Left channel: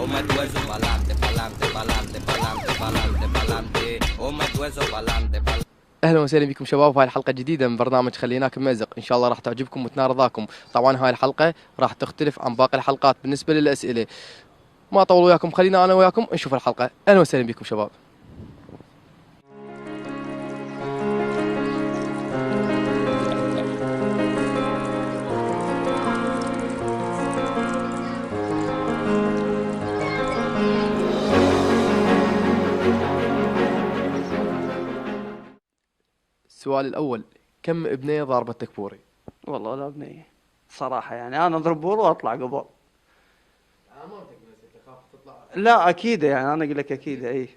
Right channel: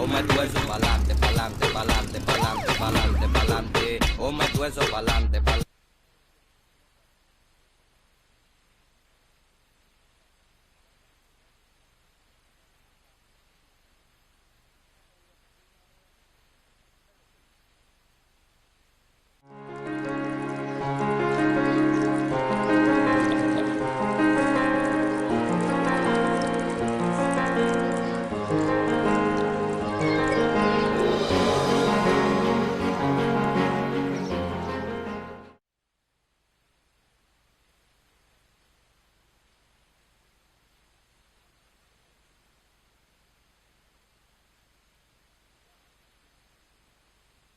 o meto eso pa'lante, pa'lante, pa'lante, pa'lante, pa'lante, pa'lante, o meto eso pa'lante, pa'lante. اهلا وسهلا بكم شباب في هاي الحلقه الجديده من برنامج خليناك ممزق، ان شاء الله راح تعجبكم وتنال رضاكم. طبعا هاي الحلقه راح تختلف عن باقي الحلقات بالنسبه للاسئله. ما اطول وياكم، خلينا انا وياكم نشوف الحلقه. اهلا وسهلا بكم شباب. السؤال الاول، كم ابنيه ضاربتك بوري؟ والله ولا بنية صراحة، يعني أنا أضرب بور وأطلع قبل. لا أكيد، يعني أنا أقول لك أكيد. أي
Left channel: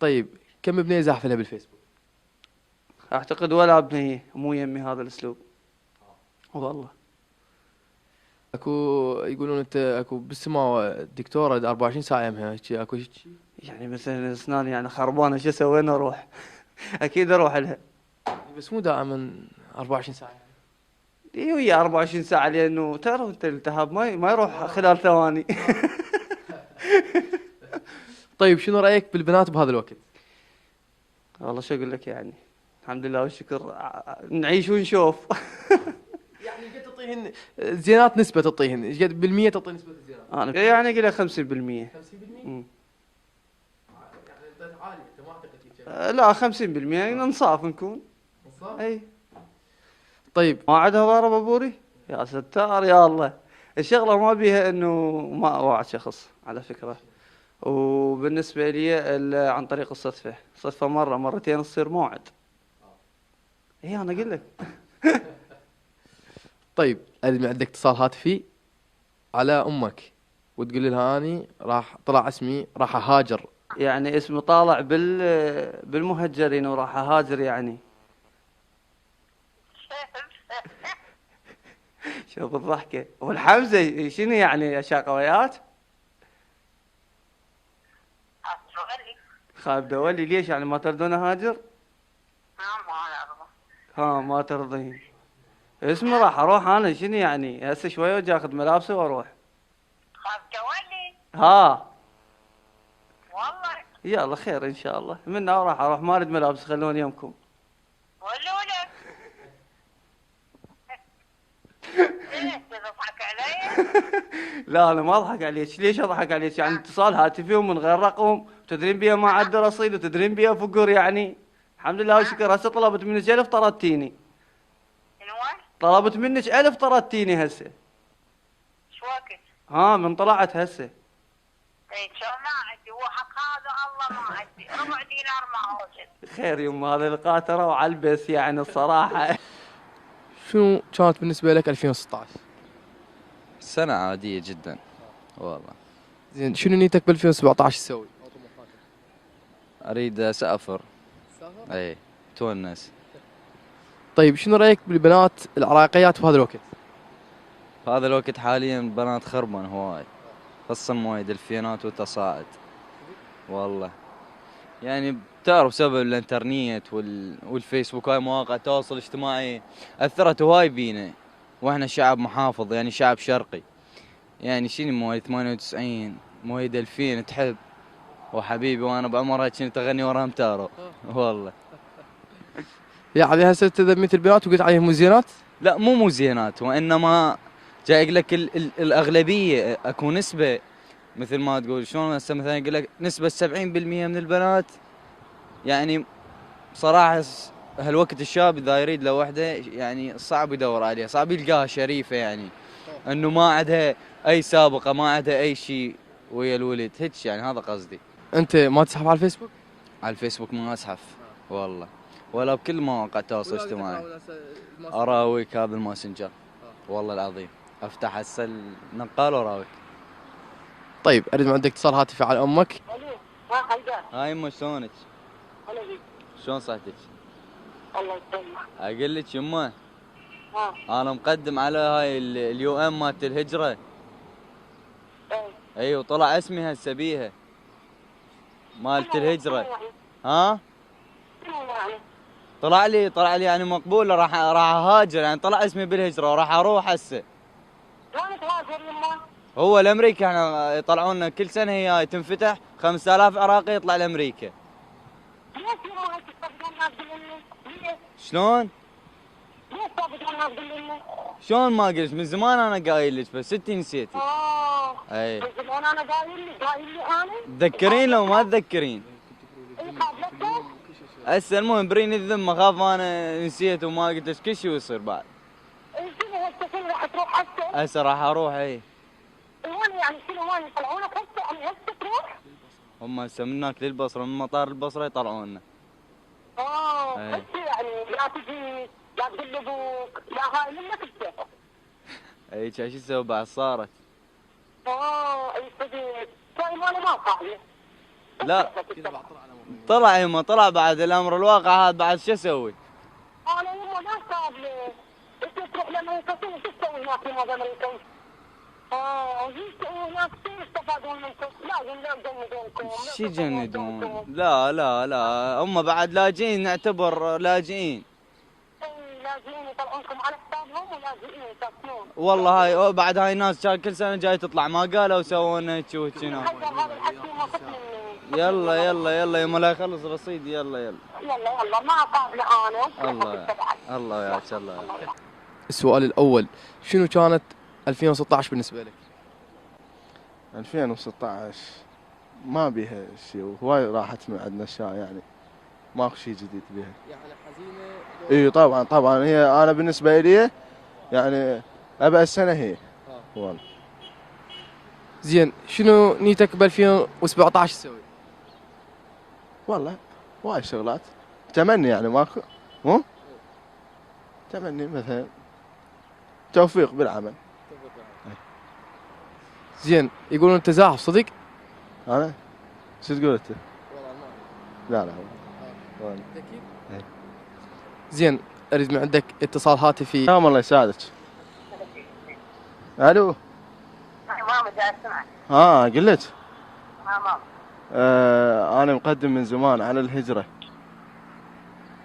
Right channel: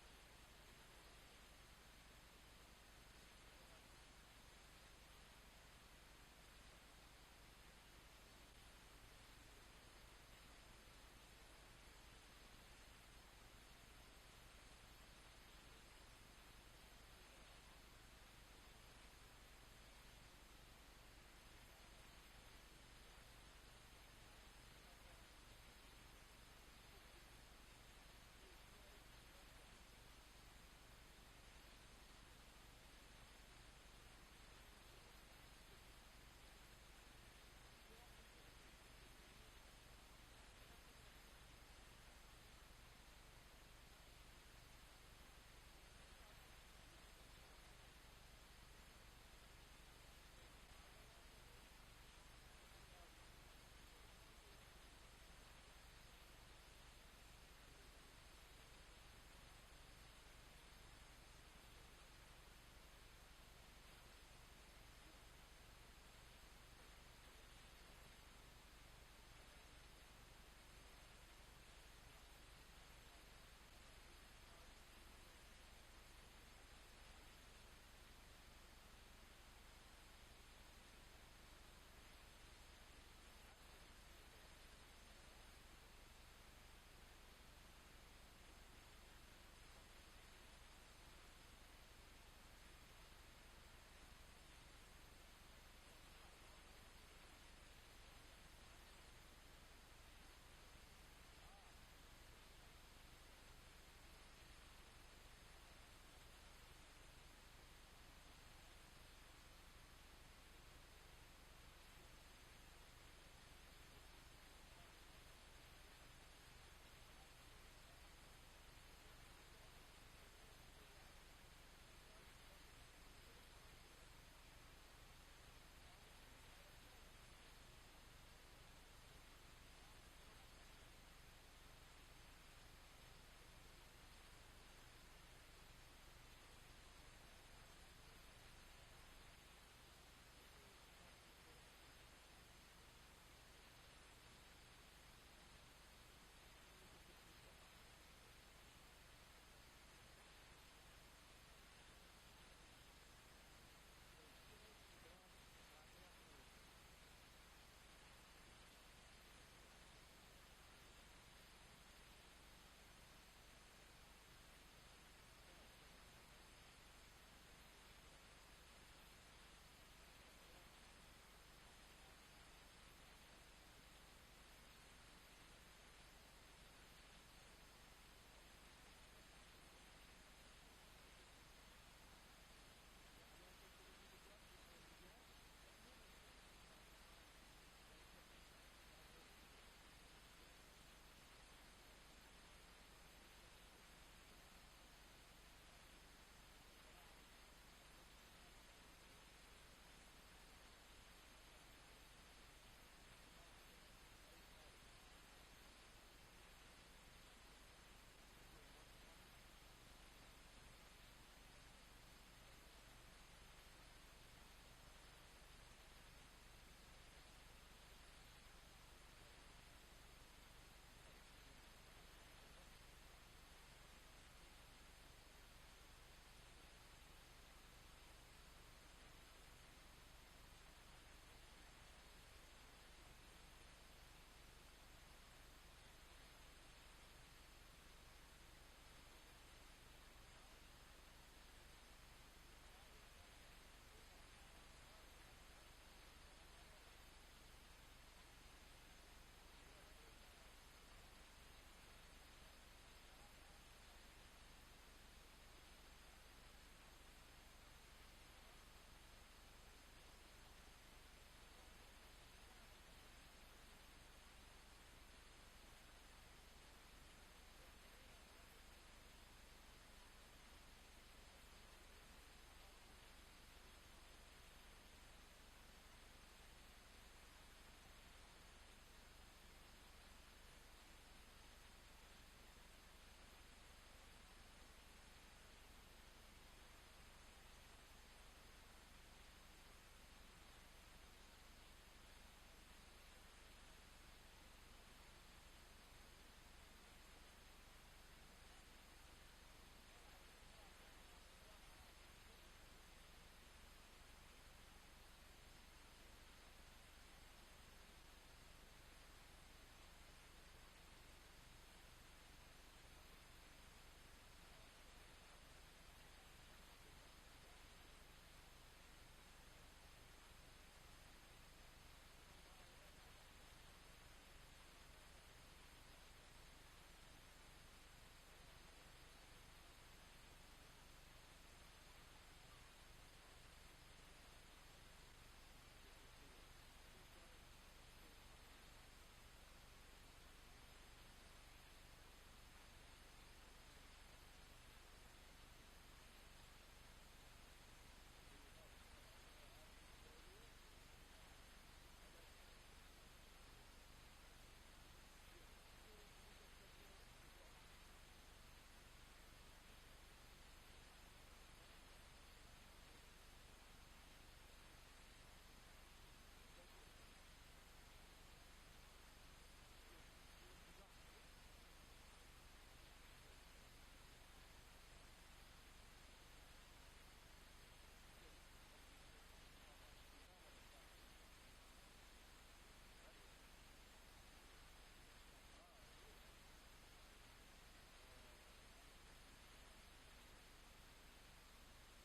طيب كم ابنيه زاحفلها بالفيسبوك؟ أعتقد ولا بنية، مو يمي هذا الأسلوب والله. اكو يقولون انت اكو بالسماء دكتوره 24 ساعه يمها، هيك اكو شيء؟ يعني مثلا أسناني يعني خربانة، شو أسوي؟ وين أروح؟ أكيد أروح لها. بس مو دائما 24 ساعه. إي ويا 24 ساعة، لأنه تعرف أنت الالتهاب ما يروح خلال ثواني. طيب شنو رايك بالبنات بهذا الوقت؟ والله شو أقول لك، يعني الحمد لله والشكر، نعيش ونشوف. يعني قد تعطيهن زينات، نسبه تعطيهن ايش قد بالمية تعطي نسبه الزينات؟ أنا يعني أقول لك 50%. 50%؟ مم. يعني انت عالي، انت ما اعتقد هيك. لا 50%، يعني انصاف نكون. صح؟ اي طيب ما عندها ضرب ابوري. يا ستار يا الله. الشغله ما بيها انه ما اوعى شخص على فكره. وبالنسبه لي عن طريق الصدفه، صدفه مره مرتين تصير موعد. اي انا اقول لك. طيب اريد عندك اتصال هاتفي على امك وتقول لها اني راح طلع اسمي راح اهاجر. يعني اسمي طالع بالمهجرين وراح اهاجر يعني. شوف الضحكه والحمزه شنو يعني يا شاقويات. خايف دولي ليش يعني ما ترضون اهاجر؟ ها ما ترضين. اسمي راح اروح انا، شنو يعني هسه شويه واجي اخذ ملابسي واروح. خاف تولي ها والله. يلا خير ان شاء الله، منا وراح اروح، ما اريد ملابس، خلوني يمكم. ولولك ليش تضحك علي؟ لا انا ما اضحك عليك، ليش اضحك عليك؟ يعني اتصال هاتفي ومن غير رقم، تدرين بيها ما عاد رصيد وتدرين بيها فقر يعني. الحمد لله والشكر. هسه طلبت منك 1000 طردتيني. شنو؟ طلبت منك 1000 طردتيني هسه. شو وقت؟ ها من طلعت هسه. اي شو ما عندي، هو حق هذا الله ما عندي، ربع دينار ما اوجد. خير يما، هذا القاتره وعلبس يعني الصراحه. شنو كانت بالنسبه لك 2016؟ سنة عادية جدا والله. زين شنو نيتك ب 2017 تسوي؟ اريد اسافر. اي تونس. طيب شنو رايك بالبنات العراقيات بهذا الوقت؟ هذا الوقت حاليا بنات خربن هواي، خصوصا مويد الفينات وتصاعد والله. يعني بتعرف بسبب الانترنت والفيسبوك، هاي مواقع التواصل الاجتماعي اثرت هواي بينا، واحنا شعب محافظ يعني شعب شرقي. يعني شنو مواليد 98 مواليد 2000 تحب وحبيبي وانا بعمرها كنت اغني ورا امتارو والله. يعني هسه انت ذميت البنات وقلت عليهم مزينات؟ لا مو زينات، وانما جاي اقول لك الاغلبيه اكو نسبه، مثل ما تقول شلون هسه مثلا يقول لك نسبه 70% من البنات. يعني صراحه هالوقت الشاب اذا يريد له وحده يعني صعب يدور عليها، صعب يلقاها شريفه، يعني انه ما عندها اي سابقه، ما عندها اي شيء ويا الولد هيك، يعني هذا قصدي. انت ما تسحب على الفيسبوك؟ على الفيسبوك ما اسحف والله، ولا بكل مواقع التواصل الاجتماعي. اراويك هذا الماسنجر والله العظيم، افتح هسه النقال واراويك. طيب اريد من عندك اتصال هاتفي على امك. ما خلدان. هاي يمه شلونك؟ ولا شيء. شلون صحتك؟ الله يسلمك. اقول لك يمه، ها. انا مقدم على هاي اليو ام مالت الهجره. ايه. اي وطلع اسمي هسه بيها مالت الهجره. يعني؟ ها شنو يعني؟ طلع لي يعني مقبوله، راح اهاجر، يعني طلع اسمي بالهجره وراح اروح هسه. وين تهاجر يما؟ هو الامريكا احنا يطلعون كل سنه هي تنفتح 5000 عراقي يطلع لامريكا. ليش يما انت تفقدون ناس مني؟ ليش؟ شلون؟ ليش تفقدون ناس مني؟ شلون ما قلت من زمان انا قايل لك بس انتي نسيتي. اي من زمان انا قايل لي انا؟ تذكرين لو ما تذكرين؟ اي قابلتك؟ هسه المهم بريني الذمه اخاف انا نسيت وما قلت لك كل شيء يصير بعد. اي شنو هسه شنو راح تروح هسه؟ هسه راح اروح. اي وين يعني شنو وين يطلعونك هسه يعني هسه تروح؟ هم هسه من هناك للبصره من مطار البصره يطلعونا. إي. هسه يعني لا تجي لا تقول لابوك لا هاي منك انت. اي شو اسوي بعد صارت؟ اي صدق طيب انا ما قاعده. لا طلع يما طلع بعد الامر الواقع هذا بعد شو اسوي؟ انا يما ما قابله. انت تروح لامريكا شو تسوي هناك في امريكا؟ يسووا هناك شو يستفادون منكم؟ لازم لا يجندونكم. شو يجندون؟ لا لا لا هم بعد لاجئين نعتبر لاجئين. اي لاجئين يطلعونكم على حسابهم ولاجئين يسافرون. والله هاي بعد هاي ناس كل سنه جاي تطلع ما قالوا سووا لنا هيك وهيك هنا. هذا الحكي ما خذ مني. يلا يلا يلا يما لا يخلص رصيد يلا يلا. يلا ما قابله انا. الله الله ياك الله ياك. السؤال الأول، شنو كانت 2016 بالنسبة لك؟ 2016 ما بيها شيء، هواي راحت من عندنا اشياء يعني ماكو شيء جديد بيها. يعني حزينة. اي طبعا هي انا بالنسبه لي يعني ابى السنه هي. والله. زين، شنو نيتك ب 2017 تسوي؟ والله هواي شغلات تمني يعني ماكو مو تمني مثلا توفيق بالعمل. زين، يقولون انت زاحف صدق؟ انا شو تقول انت؟ لا والله. زين، اريد من عندك اتصال هاتفي. نعم الله يساعدك. الو. ماما جاي اسمعك. قلت ماما. انا مقدم من زمان على الهجره.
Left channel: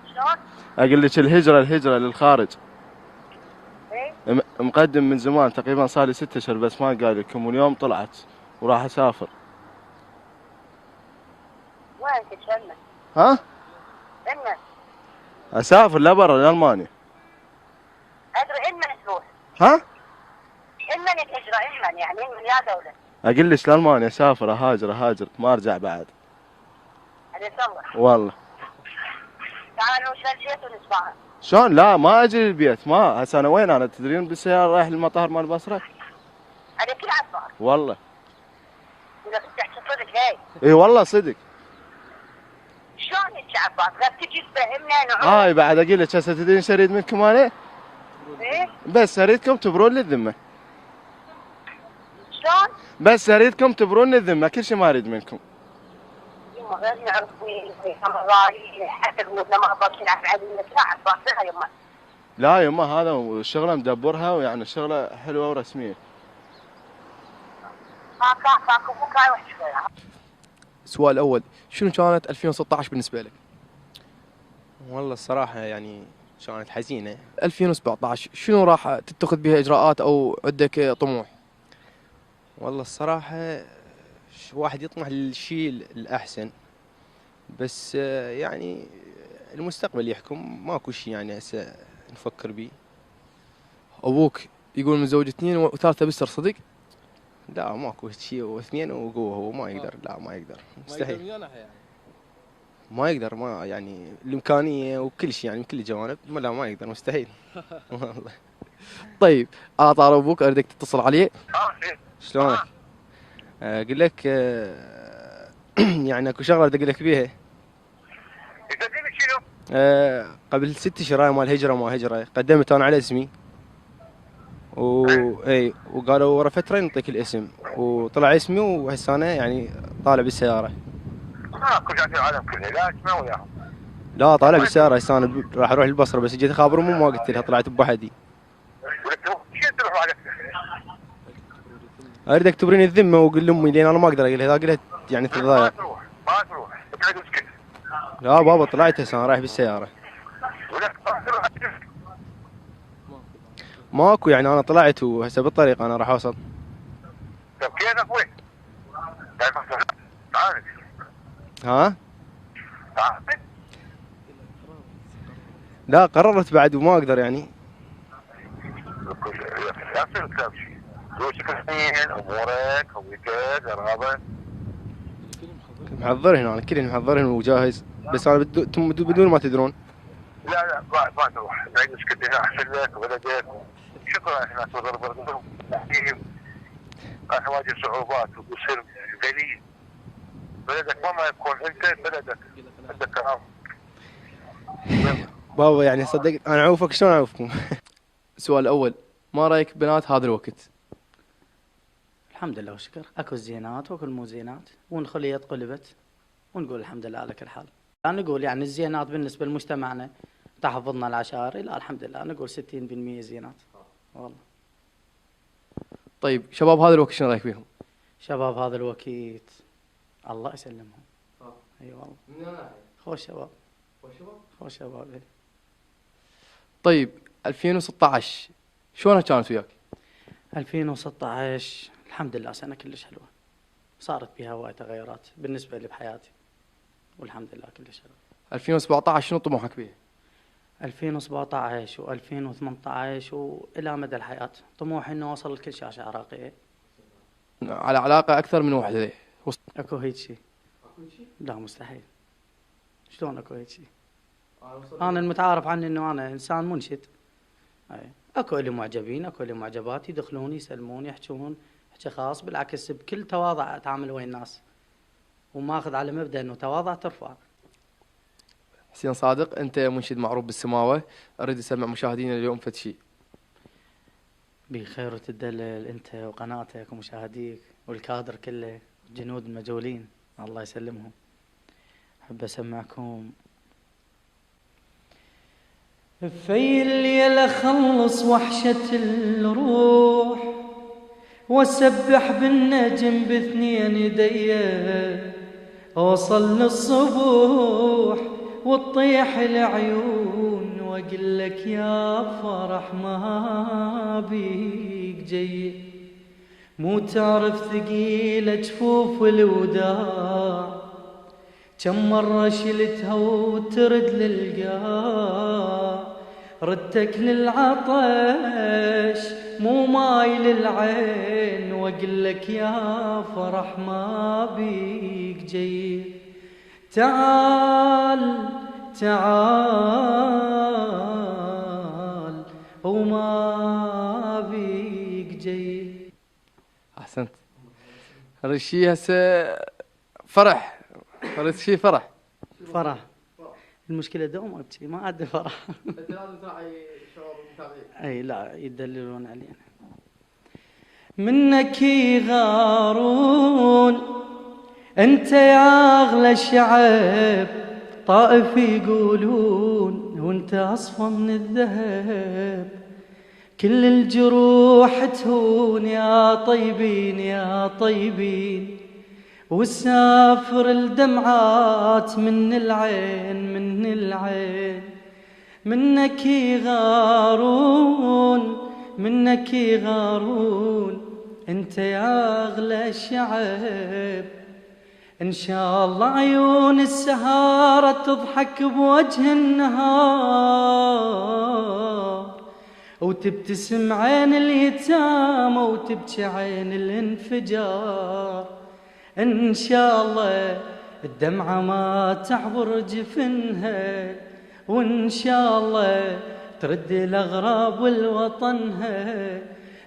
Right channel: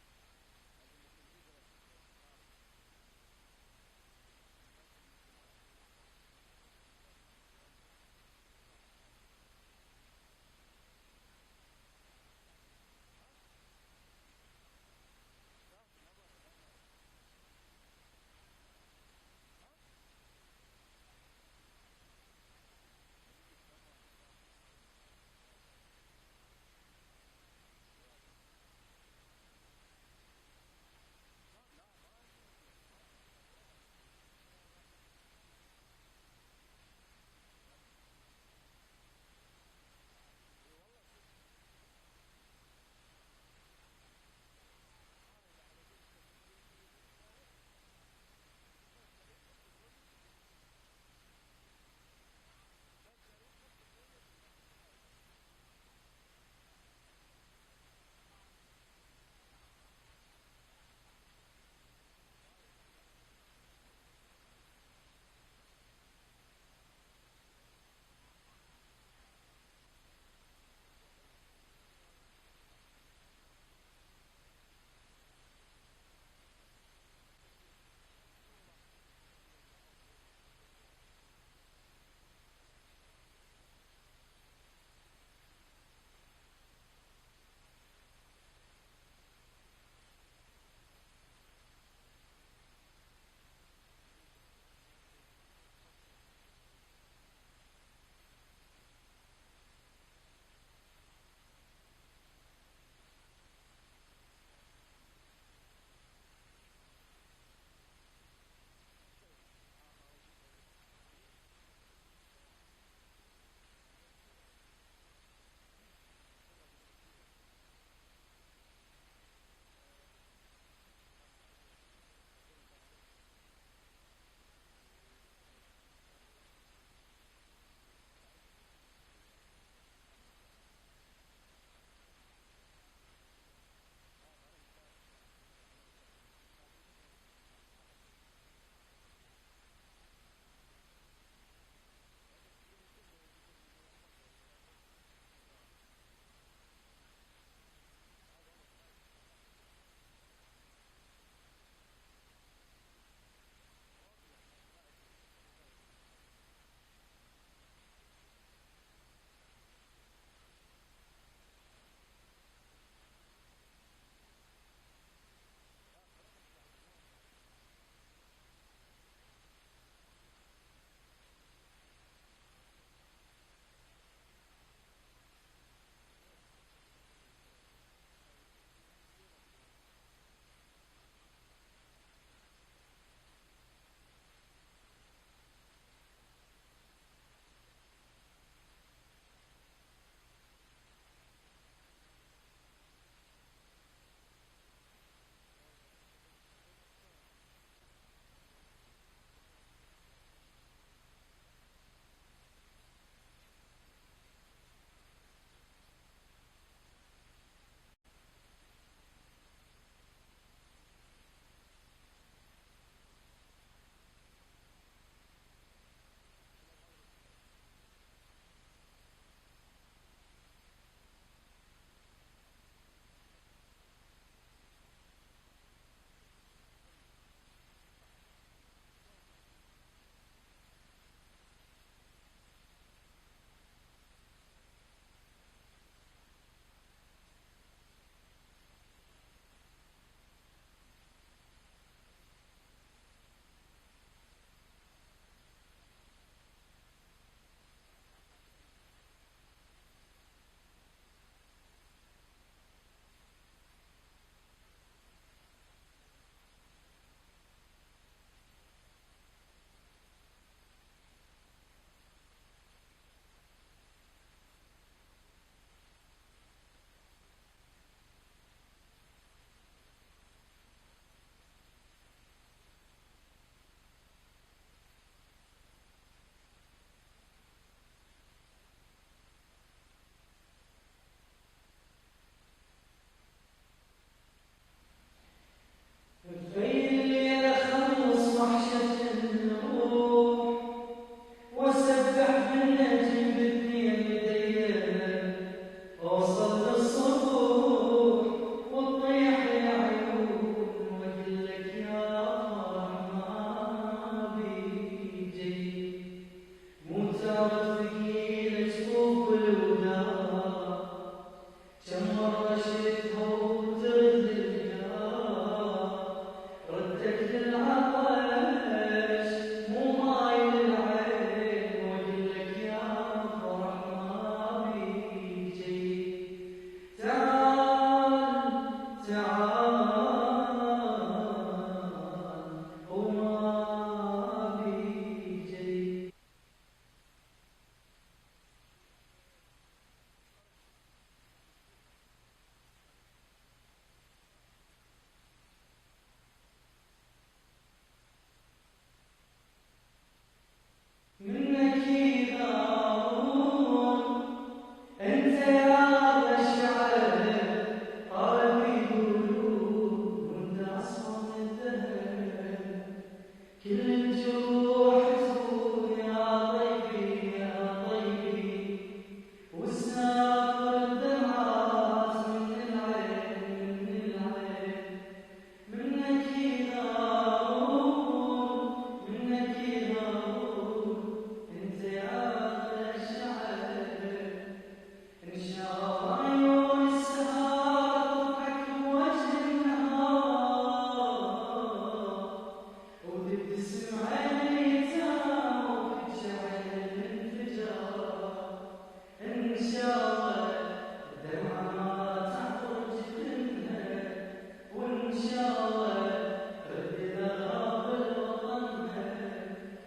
شلون؟ اقول لك الهجره للخارج. ايه؟ مقدم من زمان تقريبا صار لي 6 اشهر بس ما قال لكم واليوم طلعت وراح اسافر. وين تتشمل؟ ها؟ إمن؟ اسافر لبرا لالمانيا. ادري إمن تروح؟ ها؟ إمن الهجرة إمن يعني إمن يا دولة؟ اقول لك لالمانيا اسافر اهاجر ما ارجع بعد. هذه صلح. والله. تعالوا شلشيت ونسمعها. شلون؟ لا ما اجي البيت ما هسه انا وين انا تدرين بالسياره رايح للمطار مال البصره. هذه كل عصار. والله. إذا بتحكي صدق هاي. اي والله صدق. شلون هيك عباس؟ لا تجي تفهمنا نعوم. هاي بعد اقول لك هسه تدرين ايش اريد منكم انا؟ ايه؟ بس اريدكم تبرون لي الذمه. شلون؟ بس اريدكم تبرون لي الذمه كل شيء ما اريد منكم. يما غير نعرف وين رايح حتى قلوبنا ما باكين نعرف علينا لا عباس لا يما. لا يما هذا الشغله مدبرها ويعني الشغله حلوه ورسميه. كاكو مو كاي وحش فيها. السؤال الأول، شنو كانت 2016 بالنسبة لك؟ والله الصراحة يعني كانت حزينة. 2017 شنو راح تتخذ بها إجراءات أو عندك طموح؟ والله الصراحة واحد يطمح للشيء الأحسن بس يعني المستقبل يحكم ماكو شيء يعني هسه نفكر بيه. أبوك يقول متزوج 2 وثالثة بستر صدق؟ لا ماكو شيء واثنين وقوة هو ما يقدر. لا ما يقدر مستحيل. ما يقدر ما يعني الإمكانية وكل شيء يعني من كل الجوانب لا ما يقدر مستحيل. والله. طيب، على طار أبوك أريدك تتصل عليه. شلونك؟ اقول لك يعني اكو شغله بدي اقول لك بيها. شنو؟ قبل 6 اشهر هاي مال هجره ما هجره قدمت انا على اسمي اي وقالوا ورا فتره نعطيك الاسم وطلع اسمي وهسه انا يعني طالع بالسياره. كل شيء في العالم كله لا اسمع وياهم. لا طالع بالسياره هسه انا راح اروح البصره بس جيت اخابرهم وما قلت لها طلعت بوحدي. اريدك تبريني الذمه وقول لامي لين انا ما اقدر اقول لها اذا قلت يعني تتضايق. ما تروح تقعد وتسكت. لا بابا طلعت هسه انا رايح بالسياره. ماكو يعني انا طلعت وهسه بالطريق انا راح اوصل. طب كيفك وين؟ تعال ها؟ تعال. لا قررت بعد وما اقدر يعني. لا تصير تمشي. فلوسك اثنين، امورك، هويتك، قرابه. محضرهن انا كلهن محضرهن وجاهز، بس انا بدون ما تدرون. لا ما تروح، بعيد مسكت هنا احسن لك وبلدك. شكرا احنا تضرب واجه صعوبات وتصير ذليل. بلدك ما يكون انت بلدك عندك كرامه. بابا يعني صدق انا اعوفك، شلون اعوفكم؟ السؤال الاول، ما رايك بنات هذا الوقت؟ الحمد لله والشكر، اكو الزينات واكو المو زينات، ونخليت قلبت ونقول الحمد لله على كل حال. نقول يعني الزينات بالنسبه لمجتمعنا تحفظنا العشائري، لا الحمد لله نقول 60% زينات والله. طيب شباب هذا الوقت شنو رايك فيهم؟ شباب هذا الوقت الله يسلمهم. اي والله خوش شباب، خوش شباب. إيه. طيب 2016 شلونها كانت وياك؟ 2016 الحمد لله سنه كلش حلوه، صارت بها هواي تغيرات بالنسبه لي بحياتي والحمد لله كلش حلوه. 2017 شنو طموحك بيه؟ 2017 و2018 والى مدى الحياه طموحي انه اوصل لكل شاشه عراقيه. على علاقه اكثر من وحده. اكو هيك شيء؟ لا مستحيل. شلون اكو هيك شيء؟ انا المتعارف عني انه انا انسان منشد. اكو اللي معجبين، اكو اللي معجبات، يدخلون يسلمون يحجون حكي خاص، بالعكس بكل تواضع اتعامل ويا الناس وماخذ على مبدا انه تواضع ترفع. حسين صادق، انت منشد معروف بالسماوه، اريد اسمع مشاهدينا اليوم فد شيء. بخير وتدلل انت وقناتك ومشاهديك والكادر كله، جنود المجولين الله يسلمهم. احب اسمعكم في الليل اخلص وحشة الروح واسبح بالنجم باثنين يديه، اوصل للصبح وتطيح العيون واقول لك يا فرح ما بيك جاي. مو تعرف ثقيلة جفوف الوداع، كم مرة شلتها وترد للقاع، ردك للعطش مو ماي للعين واقول لك يا فرح ما بيك جاي. تعال تعال وما بيك جاي. احسنت. اريد شيء هسه فرح، اريد شيء فرح. فرح المشكلة دوم ابكي ما عندي فرح. انت لازم تراعي شعور المتابعين. اي لا يدللون علينا. منك يغارون انت يا اغلى الشعب، طائف يقولون وانت اصفى من الذهب، كل الجروح تهون يا طيبين يا طيبين، والسافر الدمعات من العين من العين. منك يغارون منك يغارون انت يا اغلى الشعب، ان شاء الله عيون السهارة تضحك بوجه النهار، وتبتسم عين اليتامى وتبكي عين الانفجار. ان شاء الله الدمعة ما تعبر جفنها، وان شاء الله ترد الاغراب لوطنها.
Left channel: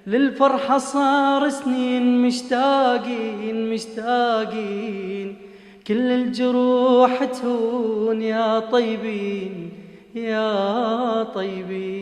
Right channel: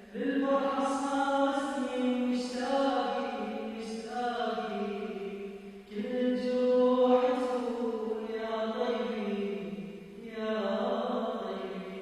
للفرحة صار سنين مشتاقين مشتاقين، كل الجروح تهون يا طيبين يا طيبين.